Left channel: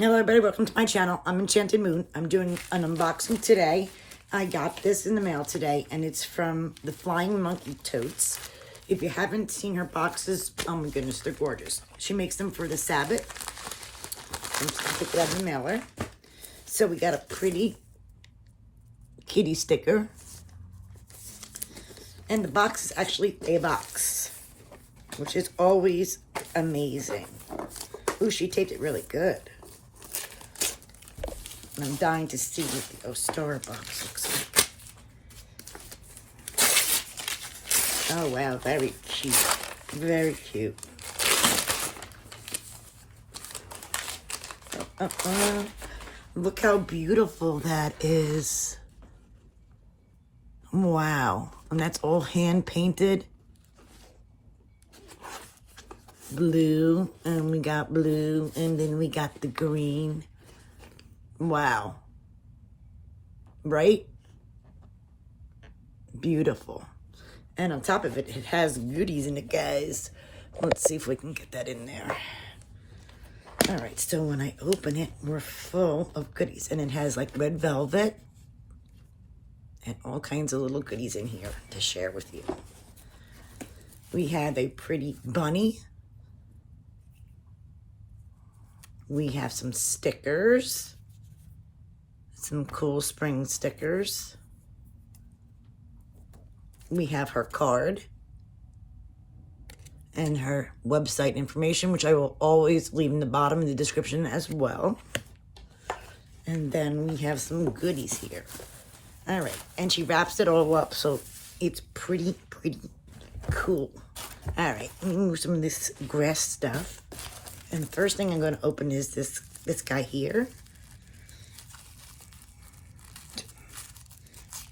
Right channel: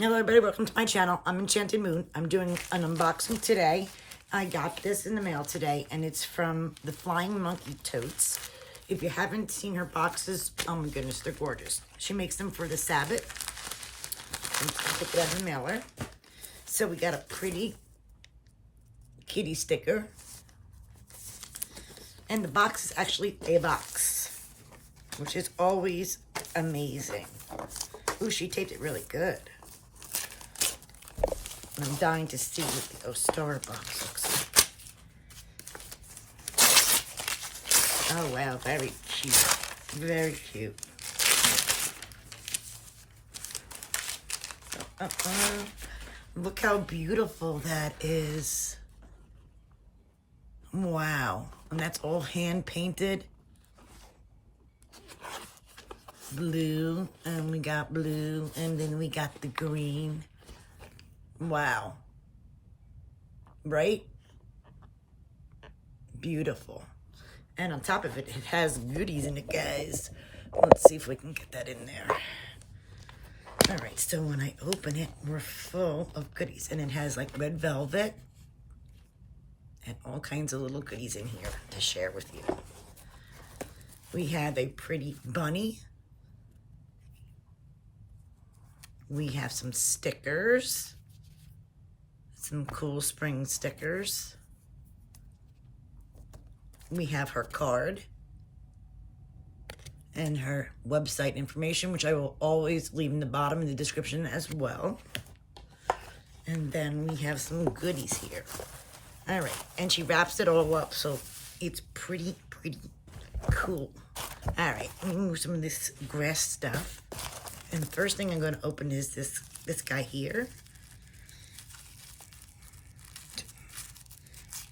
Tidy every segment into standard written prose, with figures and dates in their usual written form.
Hello everybody, welcome to my channel. I'm Enchanted Moon. I'm doing an unboxing today. I got this in the mail today and it's from the Flying Monkey Totes. If you haven't seen her boxes, oh my goodness, they're gorgeous. She makes them for the Sabbat. I'm just gonna pick it out of the mailer. So we got a pretty kitty sticker. And the box is actually a box, which is always amazing. Ooh, she taped it really good. And I'm dying to see what the Ostara box looks like. Oh, wow, very cute. Very cute. Look how beautiful that is. Wow. And that's all hand painted. Blue, and we got blue, and then we got the green. Wow. Right? Beautiful. And on top of it, it has goodies in it, guys. Let's see if we can get that in there. All right, so when I open it, we're full of goodies. And it has like red velvet and all kinds of little goodies in here to share with you. We have a pretty bunny. We have some stickers. Some cool spring stickers. We have her card and her website information, which I will always leave in the bottom of the description as well. And then we have some goodies here. All right, and she wraps it all up, so it's pretty cool. All right, let me move some of this grass stuff. And the first thing I'm going to open is this guy here.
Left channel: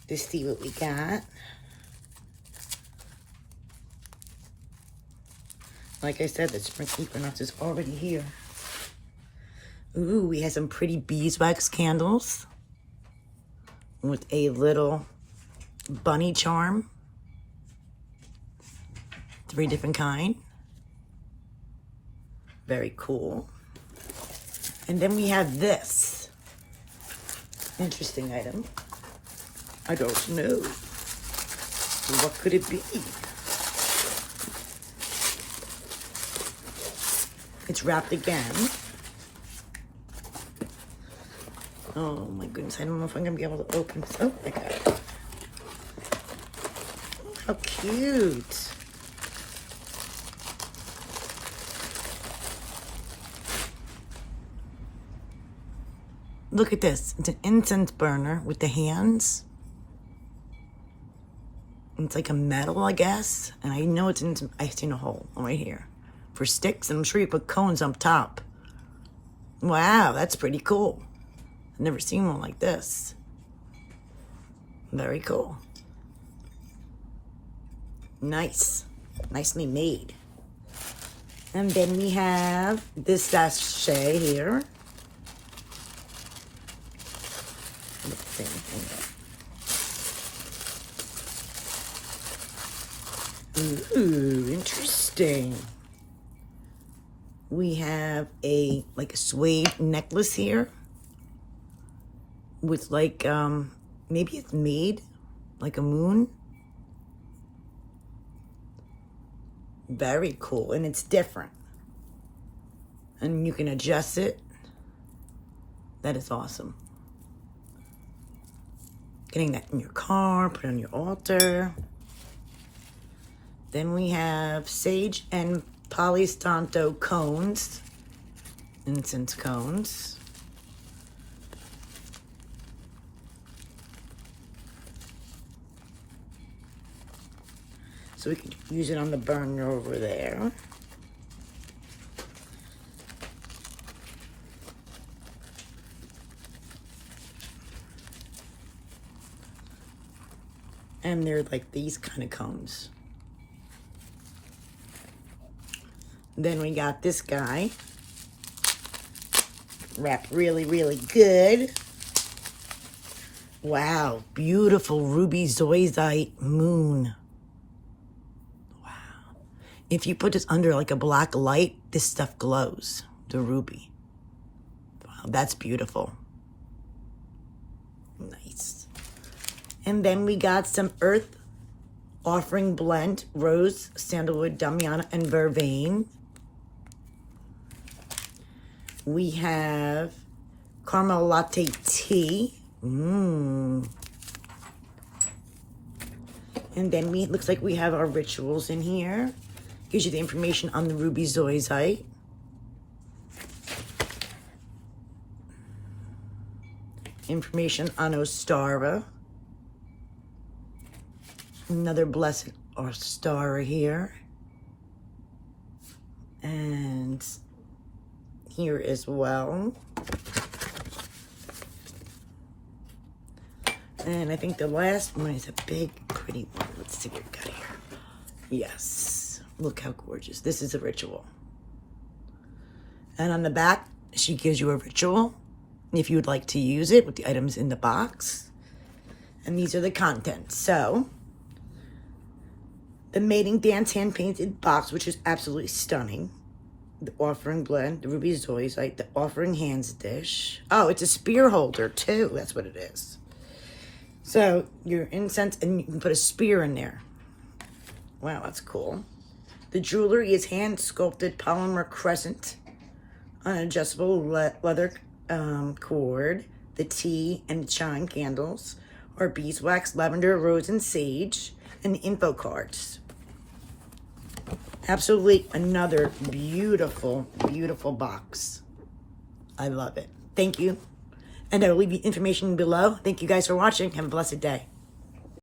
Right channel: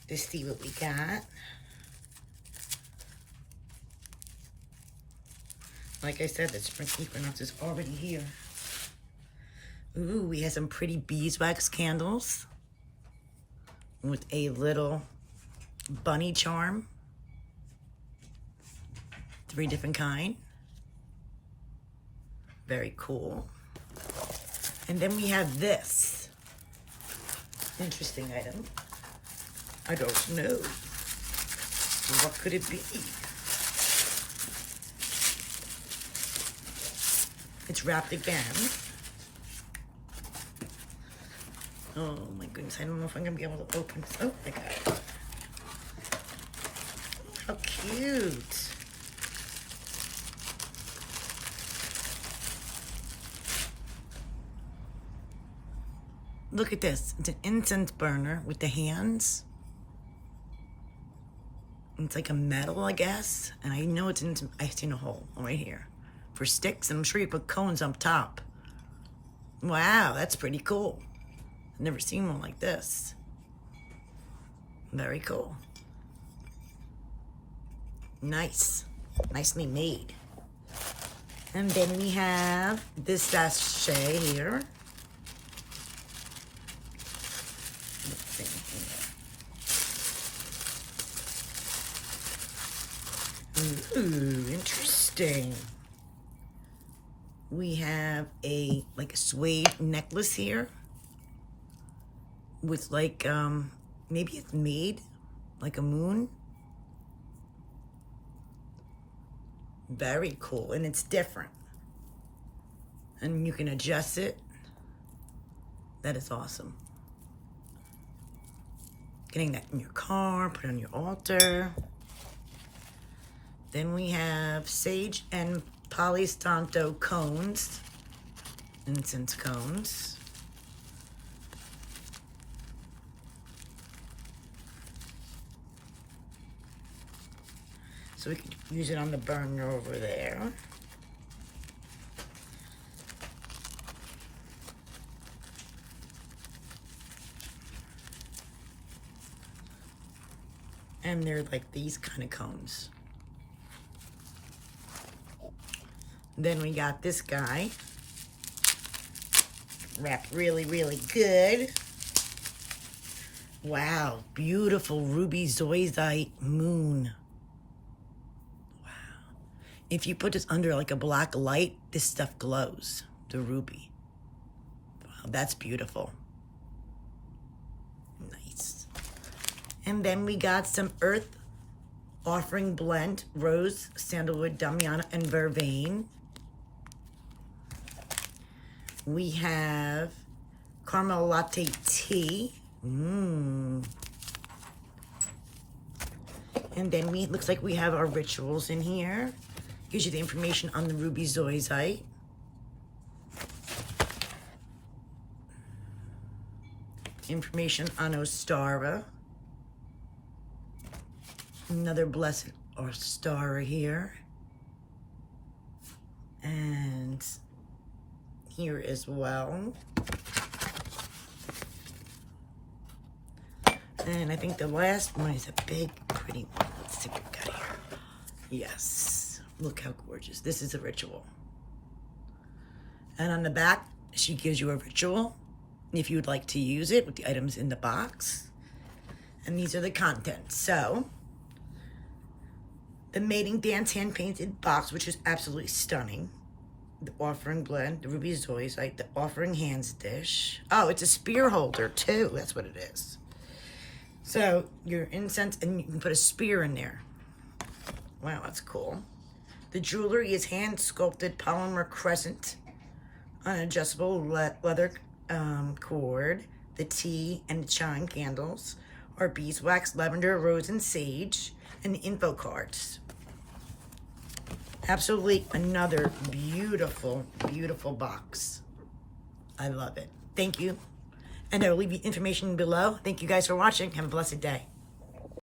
To see what we got. Like I said, the spring equinox is already here. Ooh, we have some pretty beeswax candles with a little bunny charm. 3 different kinds. Very cool. And then we have this interesting item. I don't know. What could it be? It's wrapped again. Oh my goodness, I don't know if I'm gonna be able to open this. Oh, I got it. How cute. Look at this. It's an incense burner with the hands. It's like a metal, I guess. And I know it's in, I've seen a hole right here for sticks. And I'm sure you put cones up top. Wow, that's pretty cool. I've never seen one like this. Very cool. Nice. Nicely made. And then we have this sachet here. Ooh, interesting. We have like a suede necklace here with like, maybe it's made like a moon. Very cool, and it's different. And you can adjust it. That is awesome. Getting that in your car, put it on your altar. Then we have sage and Palo Santo cones, incense cones. So we can use it on the burner over there. And they're like these kind of cones. Then we got this guy, wrapped really good. Wow, beautiful ruby zoisite moon. Wow. If you put this under like a black light, this stuff glows, the ruby. that's beautiful. Nice. And then we got some Earth Offering Blend, Rose, Sandalwood, Damiana, and Vervain. We have Caramel Latte Tea. And then looks like we have our rituals in here. Gives you the information on the ruby zoisite. Information on Ostara. Another blessed Ostara here. And here as well. And I think the last one is a big, pretty one. Let's see what we got here. Yes. Look how gorgeous. This is a ritual. And on the back, she gives you a ritual if you would like to use it with the items in the box. And these are the contents. So, the Mating Dance hand-painted box, which is absolutely stunning. The offering blend, the ruby zoisite, the offering hands dish. Oh, it's a spear holder too. That's what it is. So your incense, and you can put a spear in there. Wow, that's cool. The jewelry is hand sculpted polymer crescent on adjustable leather cord. The tea and the chime candles are beeswax, lavender, rose, and sage, and the info cards. Absolutely another beautiful, beautiful box. I love it. Thank you. And I will leave you information below. Thank you guys for watching. Have a blessed day.